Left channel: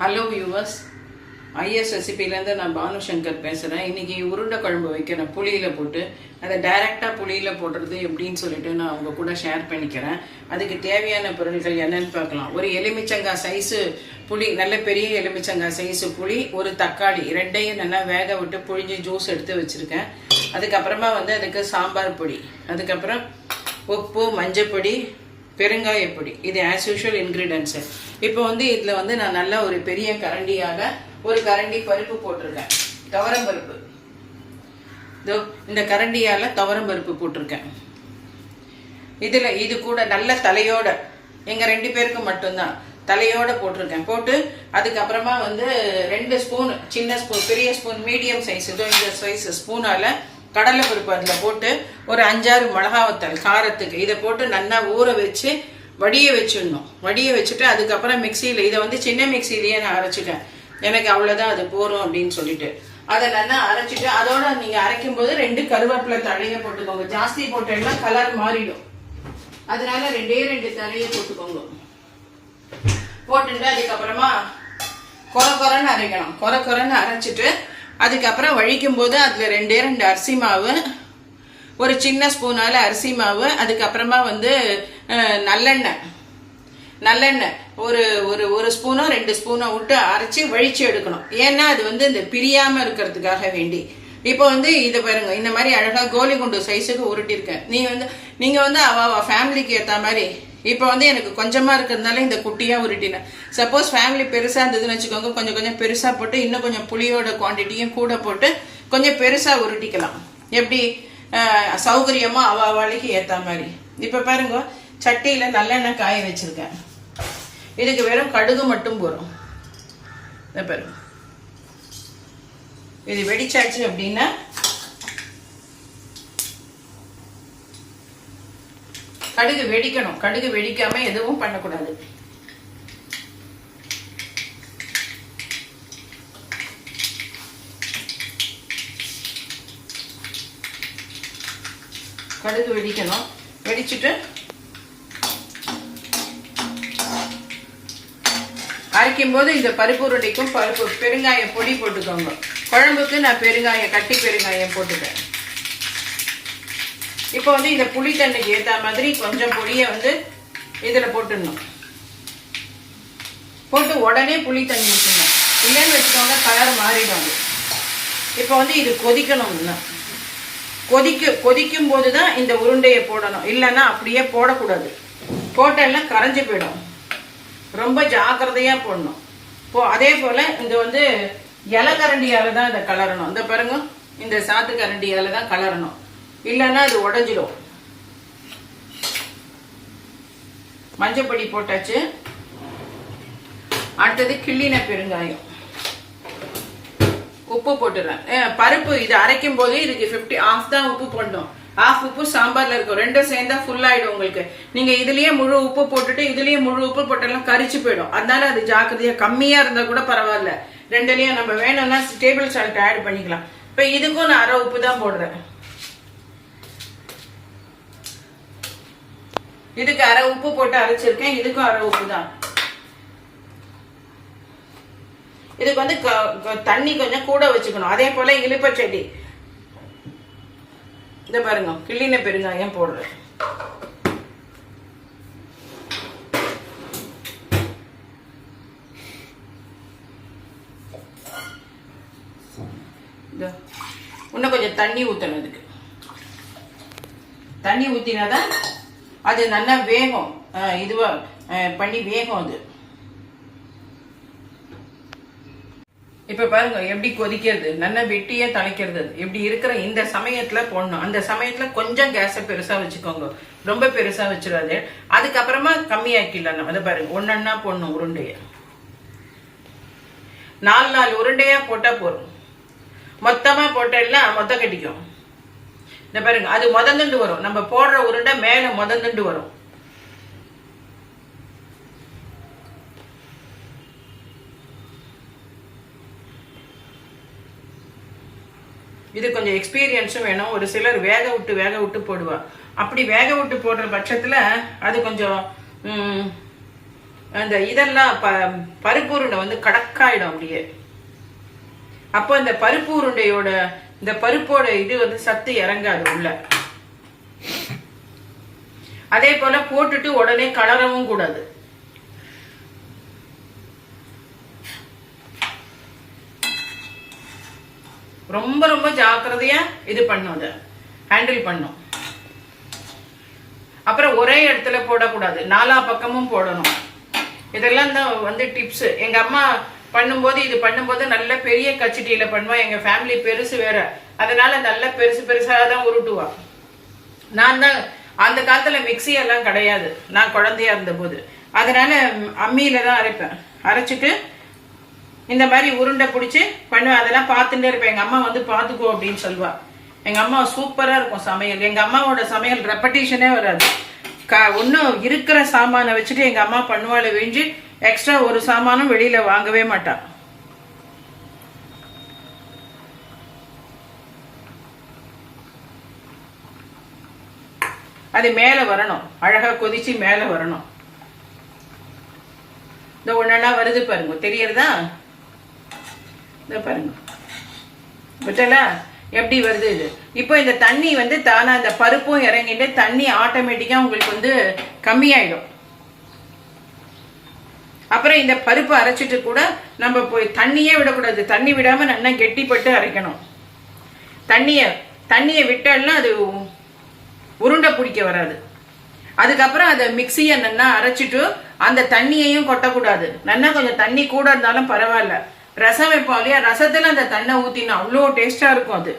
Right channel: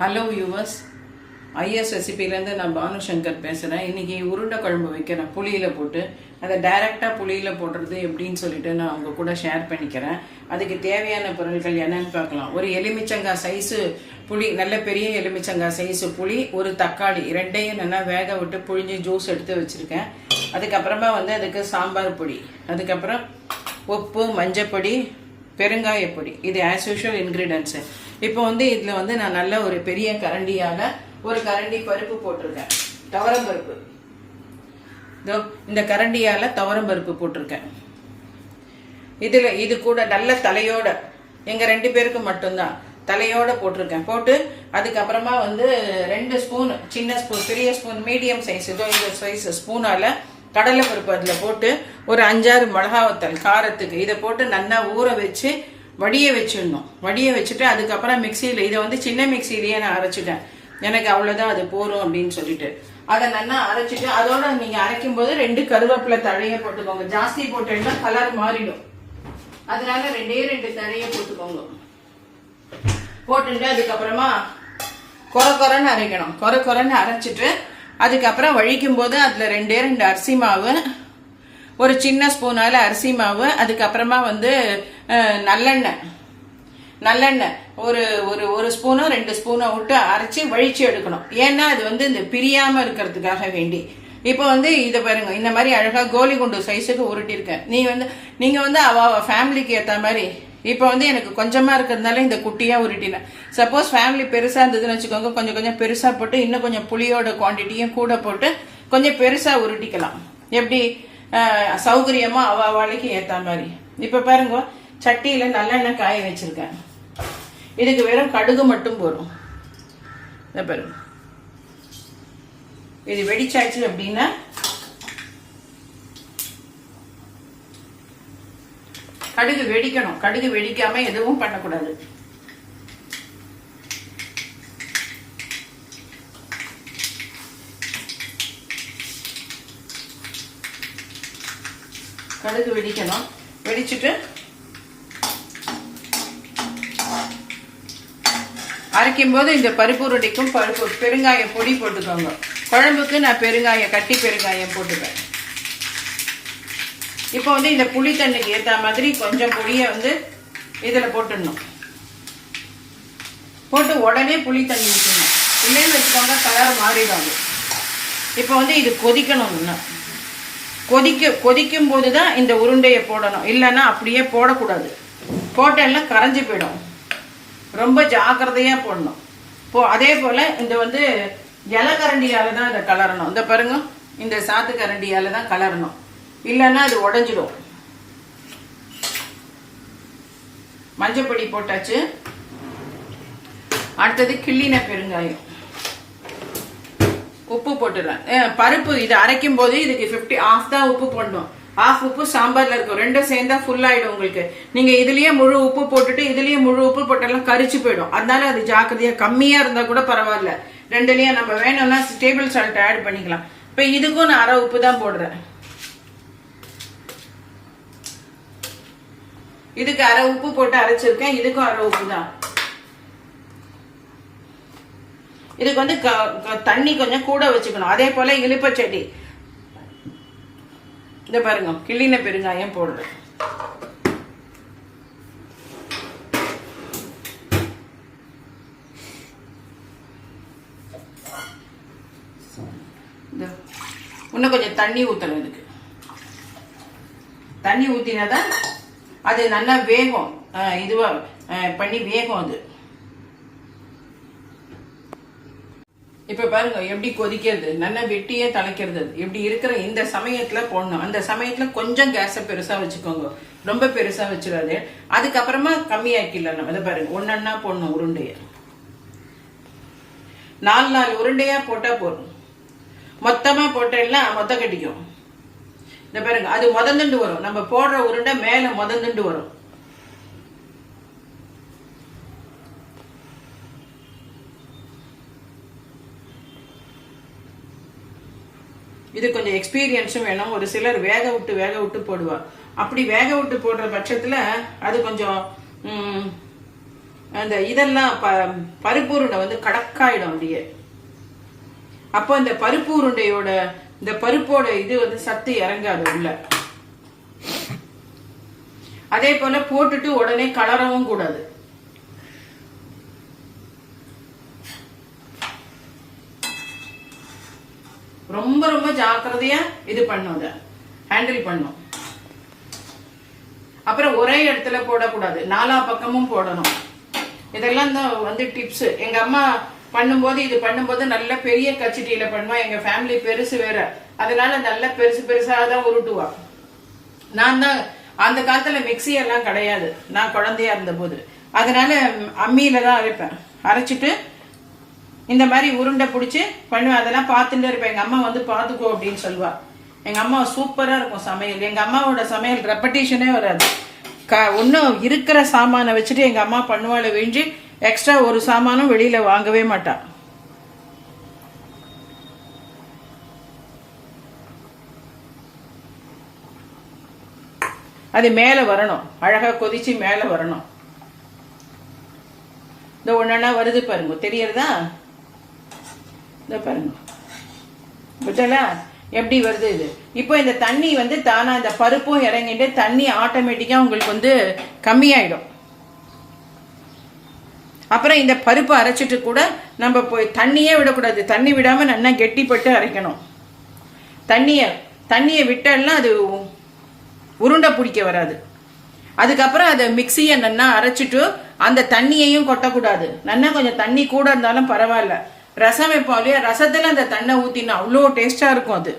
Hello viewers IS ரெசிபிலேருந்து நான் பானு சங்கர் பேசுகிறேன் இன்னைக்கு உருண்டை குழம்பு வைக்கிறேன் புளியில் போட்டு அதை டைரெக்டாக புளியில் போடுறது எப்படின்னு சொல்லிட்டு நான் உங்கள் கூட ஷேர் பண்ணிக்கிறேன். அதுக்கு தேவையான பொருட்கள் என்னென்னு பார்க்கலாம். ஒரு எலுமிச்சங்காய் சைஸு புளி நல்ல பெரிய எலுமிச்சங்காய் சைஸு புளி ஒரு தக்காளி ரெண்டையும் நல்லா வேக விட்டு புழிஞ்சு ஜூஸ் எடுத்து வச்சுருக்கேன். அதுக்கப்புறமா வந்து அதுக்கு சாம்பார் பொடி அதுக்கப்புறம் உப்பு மஞ்சப்பொடி பெருங்காயப்பொடி இது ஆஸ் யூஷுவல் இன்க்ரீடியன்ஸு இப்போ வந்து இதில் வந்து நான் நல்ல ஒரு பெரிய கரண்டியால் ஒரு கரண்டி பருப்பு போட்டிருக்கேன். துவரம் பருப்பு. இதோ இந்த கரண்டியால் துவரம் பருப்பு போட்டிருக்கேன். இதில் இது கூட நல்ல தலையோட எங்கள் ரெண்டு பேருக்கு மட்டும்தான் தலையோட போட்டிருக்கேன். போட்டு அதுக்கப்புறமா வந்து ரெண்டு ஸ்பூன் சின்ன ஸ்பூன் பெரிய ஸ்பூன் மீடியம் சைஸ் இதோ இந்த சைஸ் ஸ்பூனால் கடலை பருப்பு அதில் போட்டு ஒரு அஞ்சாறு மிளகா வத்தல் காரத்துக்கு. இதை போட்டு நல்லா ஊற வச்சு வடிய வச்சிடணும். வடிய வச்சுட்டு அதுக்கப்புறம் மிக்சியில் இதை வந்து சின்ன மிக்சிலேயே நான் அரைச்சிட்டேன். எனக்கு அவ்வளோதான் அது போரும் அப்படின்னு சொல்லிட்டு. அதை நல்லா அரைச்சிட்டு அதோட நீங்கள் அரைக்கும் போது ரெண்டு கருவேப்பிலை தழையை போட்டுக்கோங்க. ஜாஸ்தி போட்டீங்கன்னா கலர் மாறிடும். அதனால ரெண்டே ரெண்டு தழையை போட்டுக்கோங்க. போட்டுட்டு அதுக்கப்புறமா கொர கொரன்னு அரைக்கணும். கொர கொரன்னு அரைச்சிட்டு அதுக்கப்புறம் வழிக்கும் போது அதில் ரெண்டே ரெண்டு அரிசி மாவு ஒரு சின்ன ஸ்பூனால அரிசி மாவு அதுக்கப்புறமா வந்து நல்லெண்ணெய். நல்லெண்ணெய். ஒரு ஒரு ஒரு ஸ்பூனோ ரெண்டு ஸ்பூனோ விட்டு அரைச்சி வழிச்சு எடுக்கணும். ஏன்னா அது வந்து இந்த பிரியாம இருக்கிறதுக்காக வேண்டி. இப்போ வந்து இதை பாருங்க இந்த மாதிரி அழகா கோலி குண்டு சைஸுக்கு உருட்டியிருக்கேன். நீ வந்து நீங்க வந்து அவ ஃபேமிலிக்கு ஏற்ற மாதிரி இப்போ வந்து எனக்கு கொஞ்சமாக இருக்கிறதுனால இந்த குட்டியாக உருட்டினேன். சப்போஸ் ஃபேமிலி பெருசாக இருந்ததுன்னு வச்சுக்கோங்க கொஞ்சம் கொஞ்சம் பெருசாக போட்டு இன்னும் கொஞ்சம் புளியோட குவான்டிட்டியும் கூட போட்டு கொஞ்சம் பெருசாக உருட்டிக்கலாம். எப்படி? சௌகரியமாக அவ அவளுக்கு ஏற்ற மாதிரி. இப்போ பாருங்க சட்டியில் நல்லெண்ணெய் காய வச்சுருக்கேன். இதுக்கு வெறும் கடுகு மட்டும் போதும். இந்த பாருங்க. இது வெடிச்சாச்சு அப்படின்னா கடுகு வெடிக்கணும். கடுகு வெடிக்காம எதுவும் பண்ணக்கூடாது. கடுகு வெடிக்கணும். வெடிச்சிட்டு அரைக்கும் போது இந்த பருப்பு உருடைக்கும் பருப்பு பெருங்காய பொடி போட்டுக்கோங்க. குழம்புக்கு நான் பெருங்காயம் கட்டி பெருங்காயம் போட்டுப்பேன். இப்போ வந்து இந்த புளி தண்ணிக்கு ஏற்ற மாதிரி கொஞ்சம் பொடியை வந்து இதில் போட்டுடணும். போட்டு உடனே புளி தண்ணி ஊற்றணும் இல்லைன்னு வச்சுக்கோங்க கலர் மாறிடும் இப்போ வந்து இது கொதிக்கணும் இன்னும். கொதிக்க கொதிக்கும் போது தான் இந்த உருண்டையை போடணும். இல்லைன்னா அப்படியே போடக்கூடாது. போட்டெல்லாம் கரைஞ்சு போயிடும். ரொம்ப ஜாக்கிரதையாக போடணும். இப்போ அதே போல் இந்த வந்து இலை கரண்டியால் தான் இதை கலரணும். இந்த பாருங்க இந்த சாத்து கரண்டியால் தான் கலரணும். இல்லைன்னா இது உடஞ்சிடும் மஞ்சப்பொடி போட்டாச்சு. அடுத்தது கிள்ளின பெருங்காயம். உப்பு போட்டுடலாம். பருப்பு இது அரைக்கும் போது இதுக்கு 50 ஆஃப் தான் உப்பு போடணும். ஆஃப் உப்பு சாம்பார்ல இருக்கும். ரெண்டும் சேர்ந்தா ஃபுல் ஆயிடும் உங்களுக்கு. நீங்க இதுலயே முழு உப்பு போட்டுட்டு இதுலயே முழு உப்பு போட்டாலும் கரிச்சு போயிடும். அதனால அது ஜாக்கிரதையா கம்மியா இருந்தா கூட பரவாயில்ல. ரெண்டுலயும் நம்ம வேணும்னா டேபிள் சால்ட் ஆட் பண்ணிக்கலாம். இப்ப இதுக்கும் நான் அரை உப்பு தான் போடுறேன். இதுக்கு அரை உப்பு போட்டு அரைச்சிருக்கேன். இதுக்கும் அரை உப்பு தான் இதுக்கு வந்து க- தண்ணி கொஞ்சம் கூட வச்சுக்கணும். அதே போல இலுப்பைச்சடி இத பாருங்க கிள்ளின பெருங்காயம் போடுறேன் இன்னும் கொஞ்சம் தண்ணி ஊத்தணும் இதுக்கு. தண்ணி ஊத்தினாதான் அது நல்லா வேகும். இதுவா பண்ணி வேகும் அது. இப்ப பாருங்க எப்படி கொதிக்கிறது? நல்லா வெட்டியே தலைக்கிறது இப்படி இருக்கிற இந்த சமயத்துல போடணும். அந்த சமயத்துல கொஞ்சம் கேஸை பெருசா வச்சுக்கோங்க. ரொம்ப பெருசா வச்சிடாது. அதுக்கப்புறமா கம்மியாக்கிடலாம் அதை பாருங்க ஒன்னொன்னா போடணும் உருண்டைய. நாலு நாலு உருண்டையா போட்டா போதும். மொத்தமா போட்டேன்னா மொத்த கட்டிக்கும். இந்த பாருங்க அது முதந்துண்டு வரும். நம்ம போடுற உருண்டை மேல முதந்துண்டு வரும். இது கொஞ்சம் எக்ஸ்பீரியன்ஸும் வேணும். ஒரு சிலர் வேக விட்டு வேக விட்டு போடுவா அப்படி வேக விட்டு போடுற பட்சத்துல அது கொஞ்சம் அந்த இதெல்லாம் ப பருப்பு உருண்டை வந்து கடக்காயிடும் அப்படியே. அப்போ இந்த பருப்பு உருண்டையோட இந்த பருப்போட இது வந்து சத்து இறங்காது உள்ள. அதே போல போட்டுட்டு உடனே கலரவும் கூடாது. ரொம்ப ரொம்ப ஜாக்கிரதையா இது பண்ணும் அதை. ஹேண்டில் பண்ணும். அப்புறம் ஒரே இடத்துல போடக்கூடாது. நாலா பக்கமும் போடணும். இதெல்லாம் தான் வந்து டிப்ஸ் எங்க அம்மா பண்ணும்போது இது பண்ணும்போது நல்ல பெரிய கச்சிட்டியில பண்ணுவா. எங்க ஃபேமிலி பெருசு வேற. அதனால நல்ல பெருசு பெருசா தான் உருட்டுவா. நான் தான் அந்த காலத்துல மிக்ஸி எல்லாம் கிடையாது. நான் குழந்தையா இருந்தபோது. அதனால அம்மியில தான் அரைப்பேன். அரைச்சிட்டு இந்த மாதிரி உருண்டை பிடிச்சி பண்ணுவேன். அதெல்லாம் பார்த்துட்டே இருப்பேன். எங்க அம்மா வந்து பார்த்துக்கோ அப்படின்னு சொல்லுவா. எங்க அம்மா சூப்பரா இருக்கும் சமையல். எங்க அம்மாவோட சமையல் ரெப்படேஷனே வராது. க ஒன்றும் இருக்கிற சாமானை வச்சுட்டு எங்க அம்மா பண்ணுவாள் விழிஞ்சு எக்ஸ்ட்ரா ஒரு சாமானும் வெளியில வாங்கவே மாட்டா. அது மேல வரணும். அழகா கொதிச்சு மேல வரணும். இந்த ஒன்னா வருது பாருங்க. தெரியறதா? இந்த பாருங்க. விட்டல எப்படி வருது இது? இப்போ இந்த தண்ணி வந்து தானா அந்த பருப்பும் இறங்கிட்டு தண்ணி ஆட்டோமேட்டிக்கா உங்களுக்கு வந்து கம்மியாயிடும். அப்புறம் இந்த பருப்பு அரைச்சிட்டு கூட நம்ம போய் தண்ணியே விடக்கூடாது. தண்ணி விடாம நல்லா கெட்டிப்பட்டு அரைக்கணும். தண்ணிய தண்ணியை விட்டோம்னா அது உருண்டை பிடிக்க வராது. அதுக்கப்புறம் அதை மிக்சியை நல்லா அரைச்சிட்டு அந்த தண்ணியையும் கொட்டக்கூடாது. நல்லா கொஞ்சம் தண்ணி கூட இருந்தாலும் பரவாயில்ல. ரசம் வைப்போம் இல்லையா? ரசத்துல அந்த தண்ணை ஊத்தினா அவ்வளோ டேஸ்டா இருக்கும் அது.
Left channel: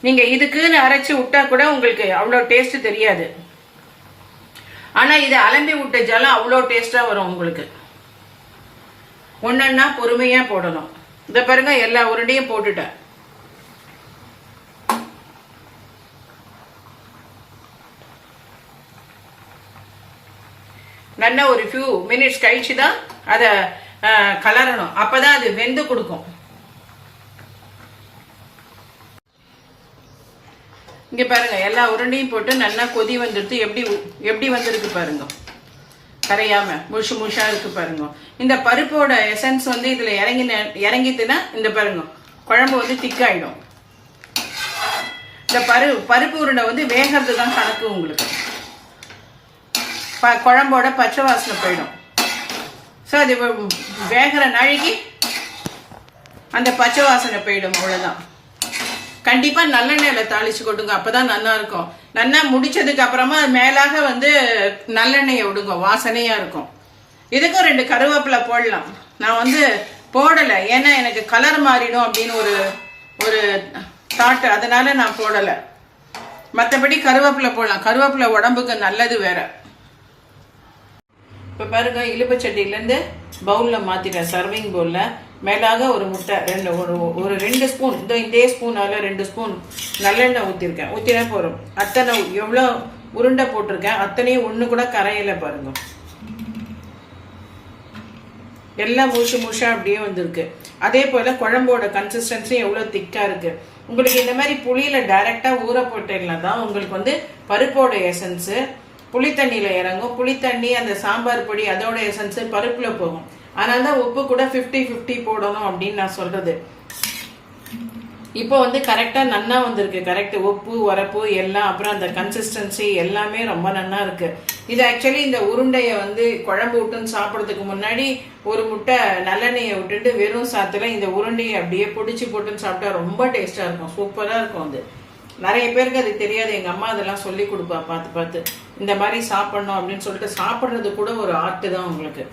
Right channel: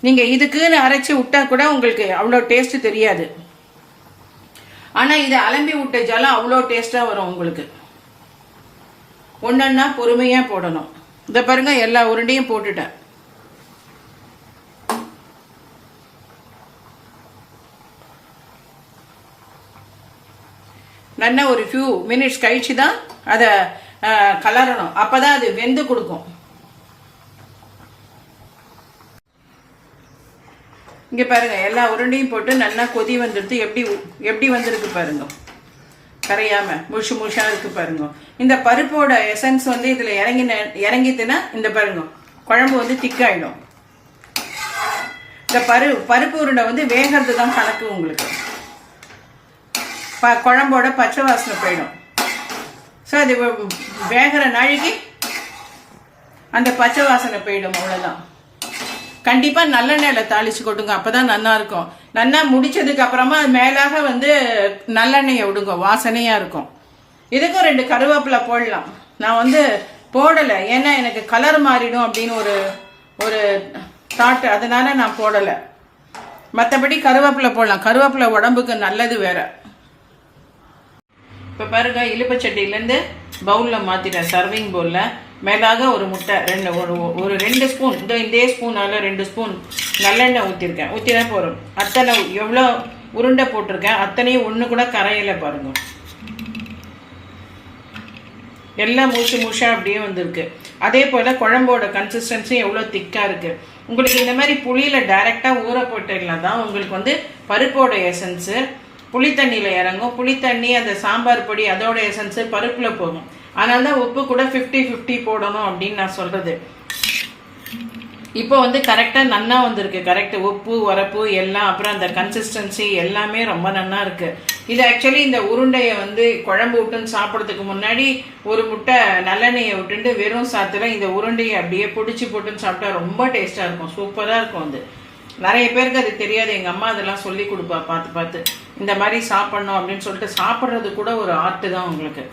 நீங்க இதுக்குன்னு அரைச்சி விட்டா கூட உங்களுக்கு அவ்வளோ டேஸ்ட் தெரியாது. ஆனா இதை அலம்பி விட்ட ஜலம் அவ்வளோ டேஸ்டா வரும் உங்களுக்கு. ஒன்னொன்னா பொறுமையா போடணும். இந்த பாருங்க எல்லா உருண்டையும் போட்டுட்டேன். நல்லா ஒரு ஃபியூ மினிட்ஸ் கழிச்சு தான் அதை கலரணும். அப்பதான் அது வெந்து கொடுக்கும். இங்கே பாருங்கள் எல்லா உருண்டையும் போட்டு நல்லா கொதி வந்துடுத்து எப்படி எப்படி வந்திருக்கு பாருங்க. கரையாம முஷு முஷாக இருக்கு பாருங்க. இந்த பருப்போட எசன்ஸ் வந்து இதில் இறங்கி இறங்கிட்டுன்னா இந்த பாருங்க குழம்பு வந்து திக்காயிடும் இந்த பரு பருப்பு உருண்டை வந்து வேகிறது தான் கணக்கு உங்களுக்கு. ப- குழம்போட பச்சை வாசனை போயிடும். ஸோ அது வேகிற நாளைக்கு அந்த பச்சை வாசனை போயிடும் அவ்வளோதான் கண்டிப்பா நல்லெண்ணெயில தாளிச்சு கொட்டுங்க. அப்பதான் நல்லா இருக்கும். நல்லா முடிச்சதுக்கு அப்புறமா அது மேலாக வந்து நல்லெண்ணெயை விடுங்க. வாசனையா இருக்கும். இதுக்கும் ரெண்டு கருவேப்பிலை போடலாம். நான் வந்து போடலை. ஏன்னா எனக்கு கலர் மாறிடும் அப்படின்னு ஒரு ஒரு தாட் அதனால நான் போடலை. மற்றபடி கருவேப்பிலை போடலாம். கருவேப்பிலை உடம்புக்கு நல்லது வேற. இப்போ பாருங்க இலுப்பச்சட்டிலேருந்து பவுலில் மாற்றிட்டேன் சர்விங் பவுலில் மேலாக ஒரு முட்டை ரெண்டு ஒரு ஒரு ரெண்டு ஸ்பூன் இந்த இதே ஸ்பூனால ரெண்டு ஸ்பூன் நல்லெண்ணெய் ஊற்றிருக்கேன் ஊற்றினா போகிறோம் அத்தனை எவ்வளோ உருண்டை போட்டிருக்கேன் அத்தனையும் ஒன்று கூட கரையில் பாருங்க. எல்லாம் மூச்சு மூச்சா அப்படியே வந்திருக்கு. அதே போல் குழம்போட கன்சிஸ்டன்சி எவ்வளோ திக்காக இருக்கு. உங்களுக்கு இந்த மாதிரி புளியில் டைரெக்டாக ஊற போட்டீங்கன்னா தான் உங்களுக்கு வந்து பருப்போட எசன்ஸு புளித்தண்ணியில் இறங்கும். புளி தண்ணி அந்த சாம்பார் பொடி அதோட எசன்ஸு பருப்பில் போகும். அதனால தான் உப்பு கூட ஃபிஃப்டி ஃபிஃப்டி போடணும் அப்படின்னு நான் சொல்கிறது இப்போ வந்து கரெக்டாக நன்னா வந்திருக்கு. கரெக்ட் உப்பு வரப்பு எல்லாம் அப்புறம் அந்த கன்சிஸ்டன்சி எல்லாமே ரொம்ப நன்னா இருக்கு. இது ஆக்சுவலி இந்த உருண்டையை வந்து குழம்பு விட்டுன்னு சாப்பிட்றதுக்கு முன்னாடி ஒரு முட்டை நல்லெண்ணெயை விட்டுட்டு வெறும் சாத்துல இந்த உருண்டையை அப்படியே பிடிச்சி போட்டுன்னு சாப்பிட்டா ரொம்ப டேஸ்டாக இருக்கும். சூப்பராக இருக்கும் அது. நிறைய பேருக்கு அது தெரியாது. எங்கள் அம்மா அதெல்லாம் சொல்லி கொடுப்பா. பார்த்து பார்த்து. இந்த மாதிரி சாப்பிட்ணும் அப்படின்னு சொல்லிட்டு சாப்பிட்றது கூட ஒரு ஆர்ட் தான் உங்களுக்கு.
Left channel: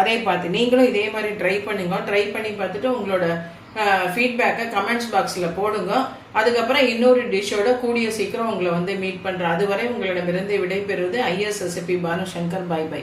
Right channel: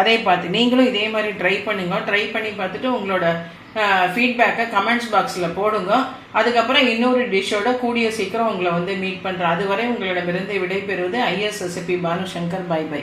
அதே பார்த்து நீங்களும் இதே மாதிரி ட்ரை பண்ணுங்க. ட்ரை பண்ணி பார்த்துட்டு உங்களோட ஃபீட்பேக்கை கமெண்ட்ஸ் பாக்ஸில் போடுங்க. அதுக்கப்புறம் இன்னொரு டிஷ்ஷோட கூடிய சீக்கிரம் உங்களை வந்து மீட் பண்ணுறேன் அதுவரை உங்களிடமிருந்து விடைபெறுவது ISSP Banu Shankar bye bye